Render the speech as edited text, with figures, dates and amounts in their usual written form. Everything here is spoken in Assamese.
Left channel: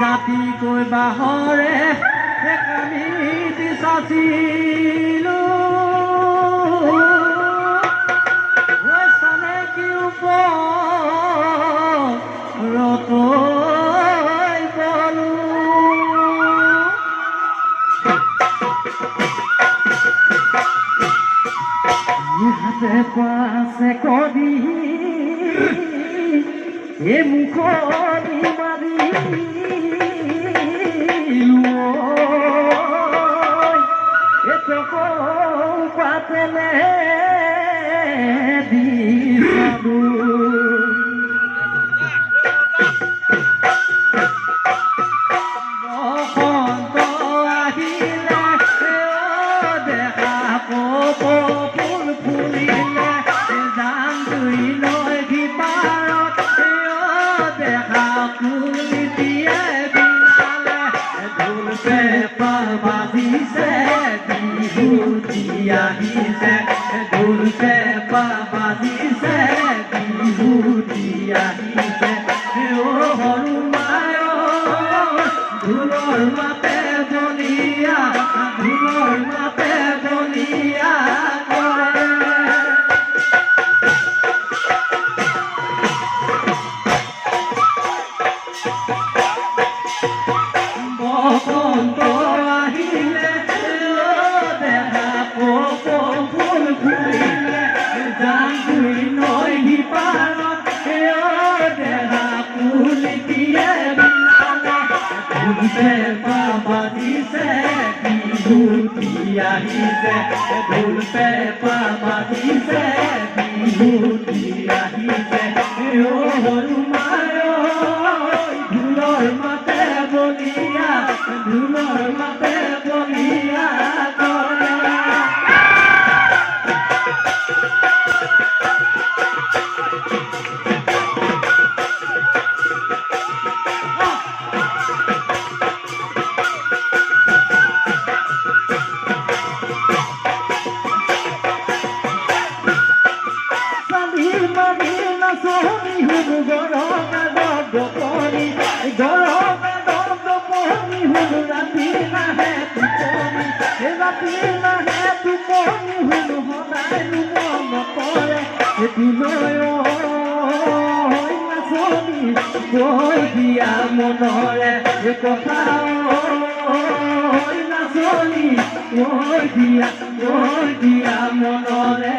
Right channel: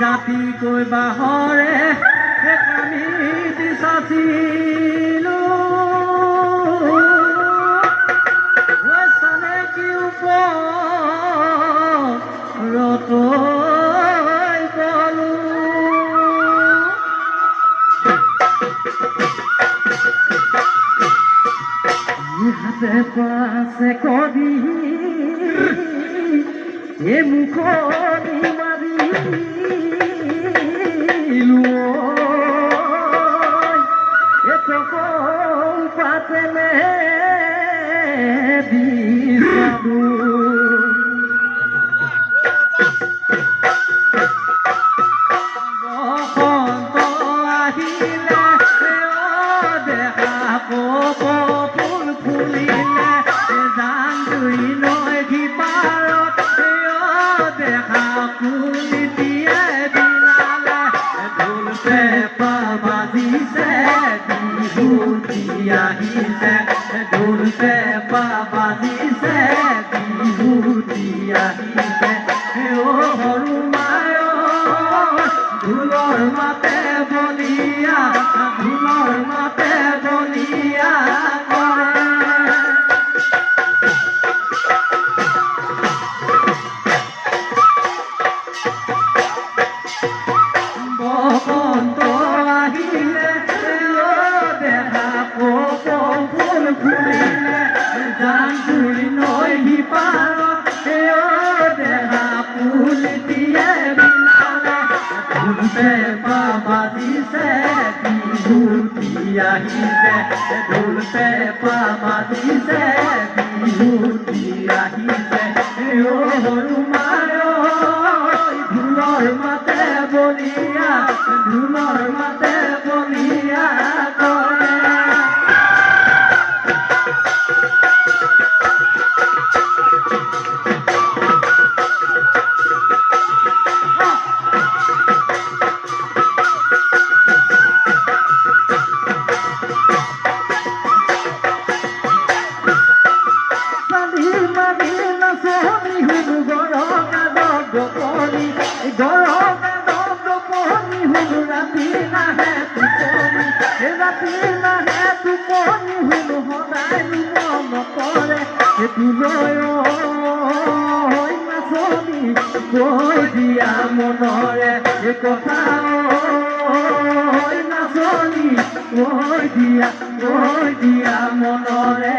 জাতি কৈ বাহৰে আমি বিচাচিলো চানে কি ওপৰত গলো হাতে পাছে কবি এ মুখনি মাৰি পাতলে দিছাবু বসন্ত আহিলে দেখা কপ ফুল ফুলিলে জান জুই নদী পাৰত দেখা কুলি দিয়ে বিলালে ঢোল পেঁপা বাজিছে বিহুতি আহিছে ঢোল পেঁপা বাজিছে বিহুতি আহিছে অ সৰু মায় ঢোলৰ মাতে বলিয়া ঢোলৰ মাতে বলিয়া বসন্ত আহিলে দেখা কপ ফুল ফুলিলে জান জুই নদী পাৰত দেখা কুলি দিয়ে বিলালে ঢোল পেঁপা বাজিছে বিহুতি আহিছে ঢোল পেঁপা বাজিছে বিহুতি আহিছে অ সৰু মায় ঢোলৰ মাতে বলিয়া ঢোলৰ মাতে বলিয়া কৰে ৰাতি নাহে টোপনি শুনো সদায় মন পৰে তোলৈ নাচনি কৈ দিয়া মনৰে কথা নাচনি কৈ দিয়া মনৰে